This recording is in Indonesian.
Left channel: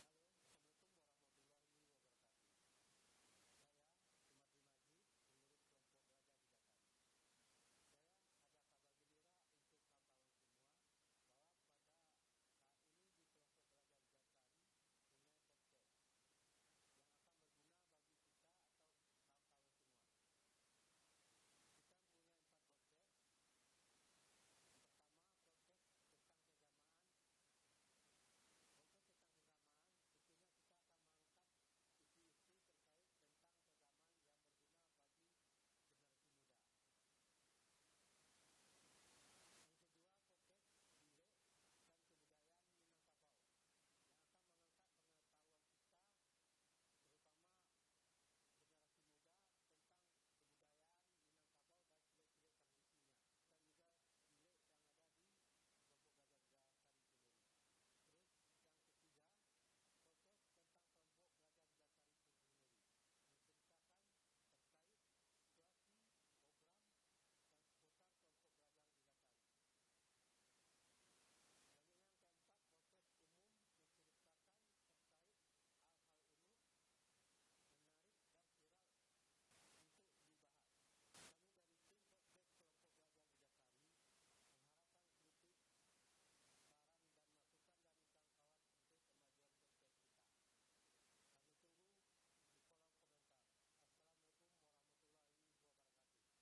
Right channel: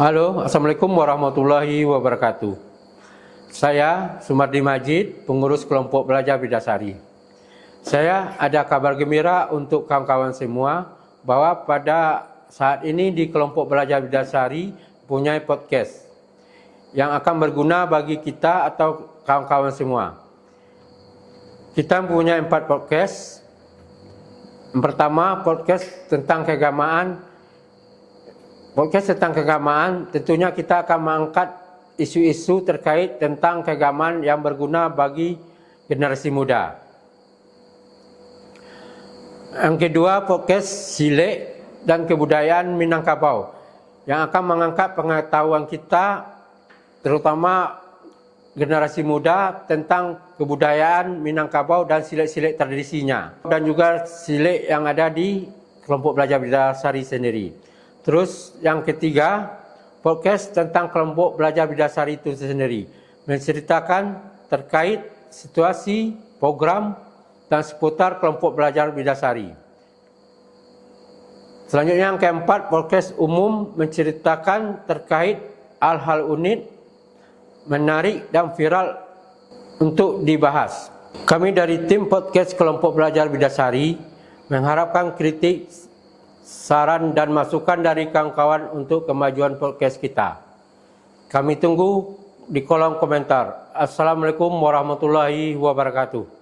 Halo, Assalamualaikum warahmatullahi wabarakatuh. Saya Sumardi Majid, pengurus kelompok belajar Bidasari. Saya ada kabar gembira untuk kawan-kawan semua bahwa pada saat ini di kelompok belajar Bidasari punya podcast yang akan berguna bagi kita atau kawan-kawan semua. Kita punya 4 podcast. Yang pertama, podcast tentang keagamaan. Podcast tentang keagamaan, tentunya kita akan mengangkat isu-isu terkait tentang keagamaan yang berguna bagi generasi muda. Yang kedua, podcast Silik dan Kebudayaan Minangkabau yang akan mengangkat pengetahuan kita, terutama generasi muda, tentang kebudayaan Minangkabau dan silik-silik tradisinya, dan juga silik yang ada di kelompok belajar Bidasari sendiri. Terus yang ketiga, podcast tentang kelompok belajar Bidasari itu sendiri, menceritakan terkait situasi, program, dan seputar kelompok belajar Bidasari. Selanjutnya yang keempat, podcast umum menceritakan terkait hal-hal unik, menarik, dan viral untuk dibahas. Kami dari tim podcast kelompok belajar Bidasari mengharapkan kritik, saran dan masukan dari kawan-kawan untuk kemajuan podcast kita. Kami tunggu di kolom komentar. Assalamualaikum warahmatullahi wabarakatuh.